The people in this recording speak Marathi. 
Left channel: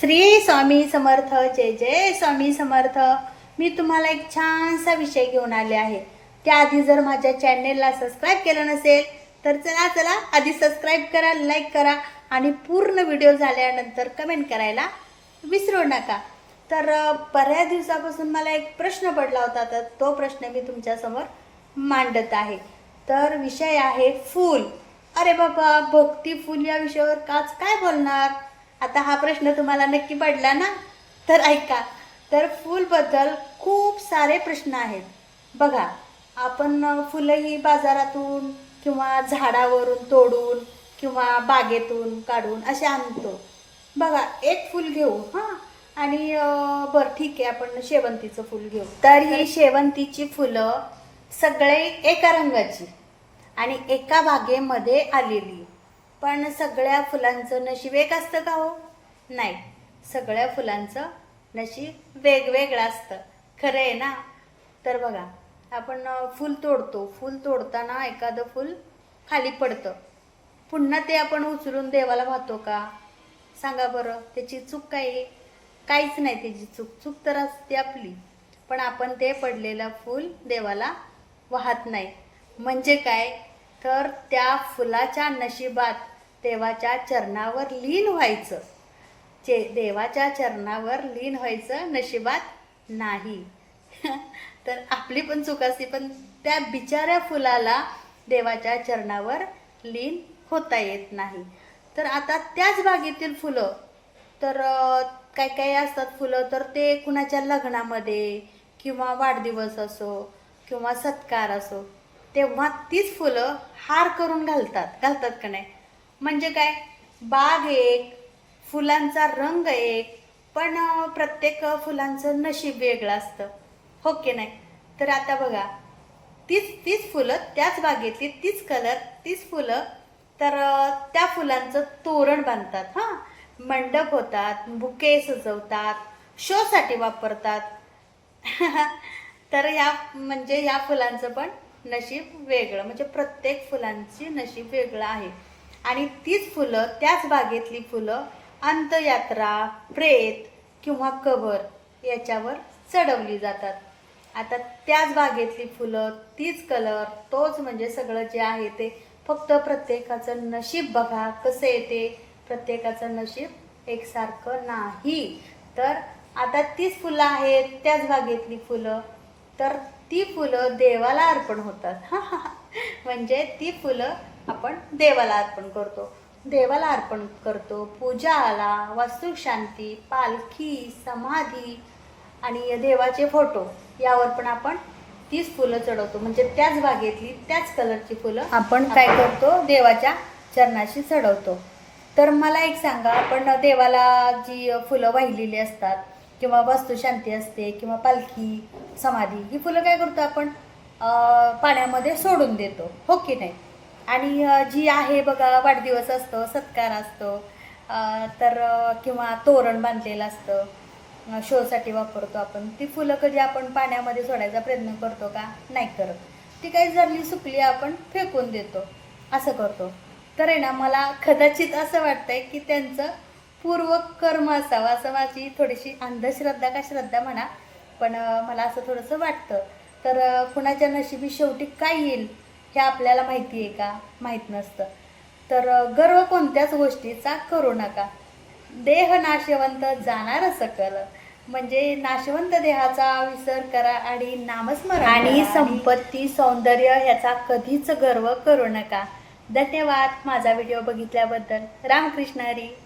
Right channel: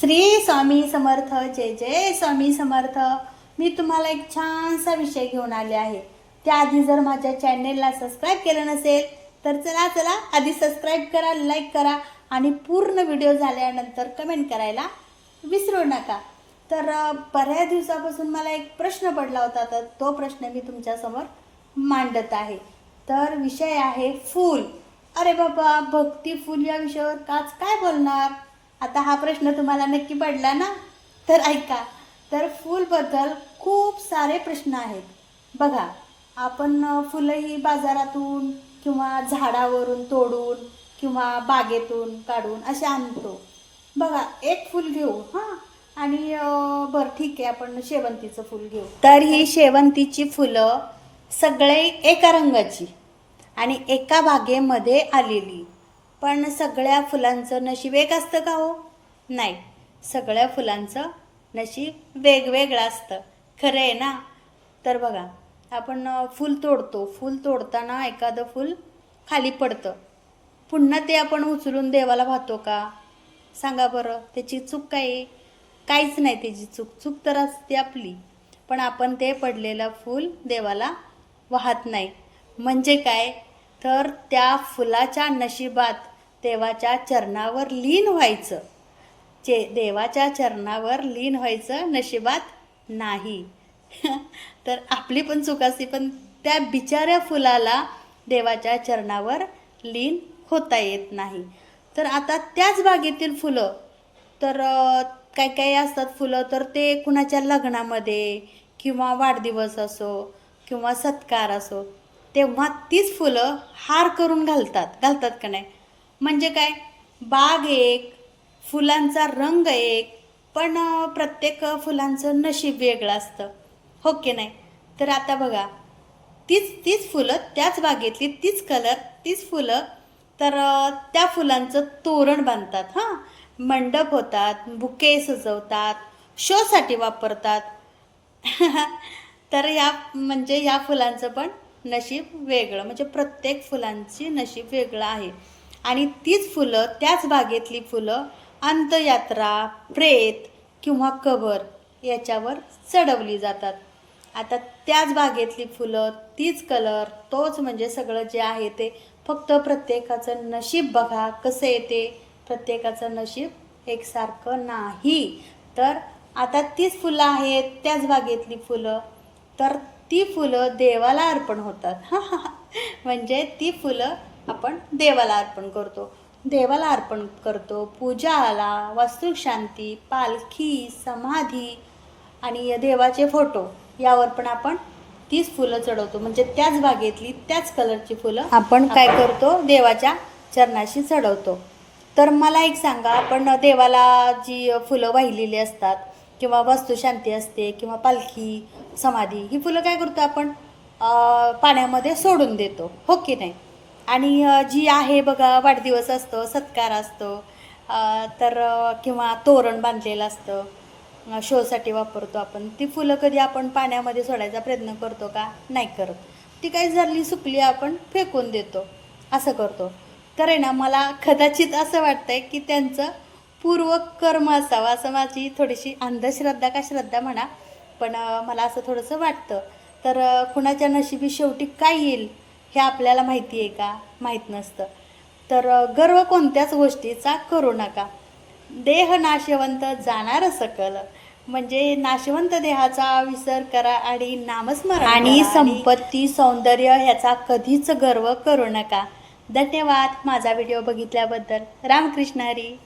श्री स्वामी समर्थ जय जय स्वामी समर्थ. मी तुम्हाला एक छानसा विषय घेऊन आले आहे. त्याआधी जर माझ्या चॅनेलला सबस्क्राईब केलं नसेल तर चला चला आधी सबस्क्राईब करा लाईक करा आणि पूर्ण व्हिडिओ झाल्यानंतर कमेंट करायला विसरू नका. तर बऱ्याच दिवसापासून मला एक प्रश्न पडला होता तर तो प्रश्न मी तुमच्यासमोर मांडत आहे. तर विषय आहे फूल. अरे बाबा भक्ती फूल या विषयावर काच काय बोलणार? आता हा प्रश्न तुम्हाला नक्की पडला ना? तर ऐका. तर फूलबद्दल खूप सारे प्रश्न आहेत. बघा आपण फुलंही फुलं ही बाजारातून किंवा झाडावरून तोडून किंवा बागेतून काढून असे आणतो. बघा एक फूल घेऊ हां? आणि बरं ठीक आहे आपण शेवंतीचं फूल घेऊ. तर ही शेवंतीची फुलं सगळे एका रंगाची आणि एका बागेमध्ये आलेली. पण सगळ्या फुलांचं नशीब एक असतं का हो? नाही. सगळ्या फुलांचं नशीब वेगवेगळं असतं. खरं आहे ना? तर बघा आपण फूल तोडतो. फूल तोडताना एखादं फूल खाली पडतं. पुन्हा ते आपण उचलून देवाला वाहतो का? सांगा बरं त्याची चूक काय? आहे काहीच नाही त्याची चूक. चूक तर असते आपली. पण आपण ते पडलेलं फूल देवाला वाहत नाही. म्हणजे काय? तर त्या फुलाच्या नशिबात देवाच्या चरणावर लीन व्हायचं. चे देवाच्या चरणावर लीन व्हायचं नशिबात नाही. तर आपली पण चूक असते पण त्या बिचाऱ्या फुलाला देवाच्या चरणावर लीन होता येत नाही. तर आता त्याच बागेतील फुलं तर काय काय असतात फुलं? तर ते कुणाच्या लग्नामध्ये किंवा वाढदिवस असो किंवा सत्कार असो तेव्हा तीच फुलं हार करून घालतात. घालतात का नाही? म्हणजे काय? बाग एक फुलांचा रंग एक पण प्रत्येक फुलांचं नशीब वेगळं असतं. हो की नाही? तर आता बघा तीच तीच फुलं त्याच बागेतली तीच कलर तीच फुलं तर त्या फुलांचं तोरण बांधतात हां. मंडप होतात बुके सजवतात शोसाठी वापरतात. तर या म्हणजे या फुलांचं पण नशीब वेगळं म्हणजे प्रत्येक फुलांची नशीब वेगळं आहे. आणि तीच फुलं त्याच बागेतली फुलं अंतयात्रा प्रेत किंवा कबर याच्यावर चढवली जातात. आता त्याच बागेतली फुलं तीच कलर तोच म्हणजे सगळं जे आहे ते फक्त प्रत्येकाचं नशीब बघा कसं येते. प्रत्येकाचं नशीब एकसारखं नाही. तर आता तीच फुलं आहेत त्याच बागेतली फुलं तर ती फुलं देवाला अर्पण होतात. म्हणजे ती फुलं आपण देवाला अर्पण करतो. देवाला अर्पण करतो. पूजाला वास्तुशांती पालखी समाधी आणि देवाचे फोटो यावर पण आपण तीच फुलं चढवतो. म्हणजे त्याच बागेतली त्याच कलरची फुलं आपण काय करतो देवाच्या चरणाशी चढवतो. तर मला एक सांगा आपण देवाला जी फुलं वाहिलेली असतात किंवा वस्तुशांती असते किंवा पालखी समाधी ही फुलं काय करतो आपण? पाण्यामध्ये सोडून देतो. हो की नाही? आणि जी आहे बघा वाढदिवस असतो सत्कार असतो तर किंवा तोरण बांधलेलं असतं शोसाठी वापरतो आपण. ती फुलं कधी आपण पाण्यामध्ये सोडायचा प्रयत्न करतो का? नाही करत. ती काही झाली सुकली आपण फेकून देतो. असं करतो. तर आहे ना मला कदाचित असं वाटतंय की त्यांचं पूर्व कर्म असावं असं माझी थोडीशी अंधश्रद्धा का श्रद्धा म्हणा पण मला असं थोडंसं वाटतं. तर कुणाच्या नशिबी शेवटी काय येईल? हे आपल्याला माहिती आहे का? माहीत नसतं. तर गर्व कोणत्याच गोष्टीचा करू नका. देह नाशवंत जाणार सकल. म्हणजे नाशवंत देहाचा विसर करा आणि नामस्मरण आणि संपत्ती सौंदर्य ह्याचा कधीच गर्व करू नका. धन्यवाद माझा व्हिडिओ बघितल्याबद्दल. रामकृष्ण हरी.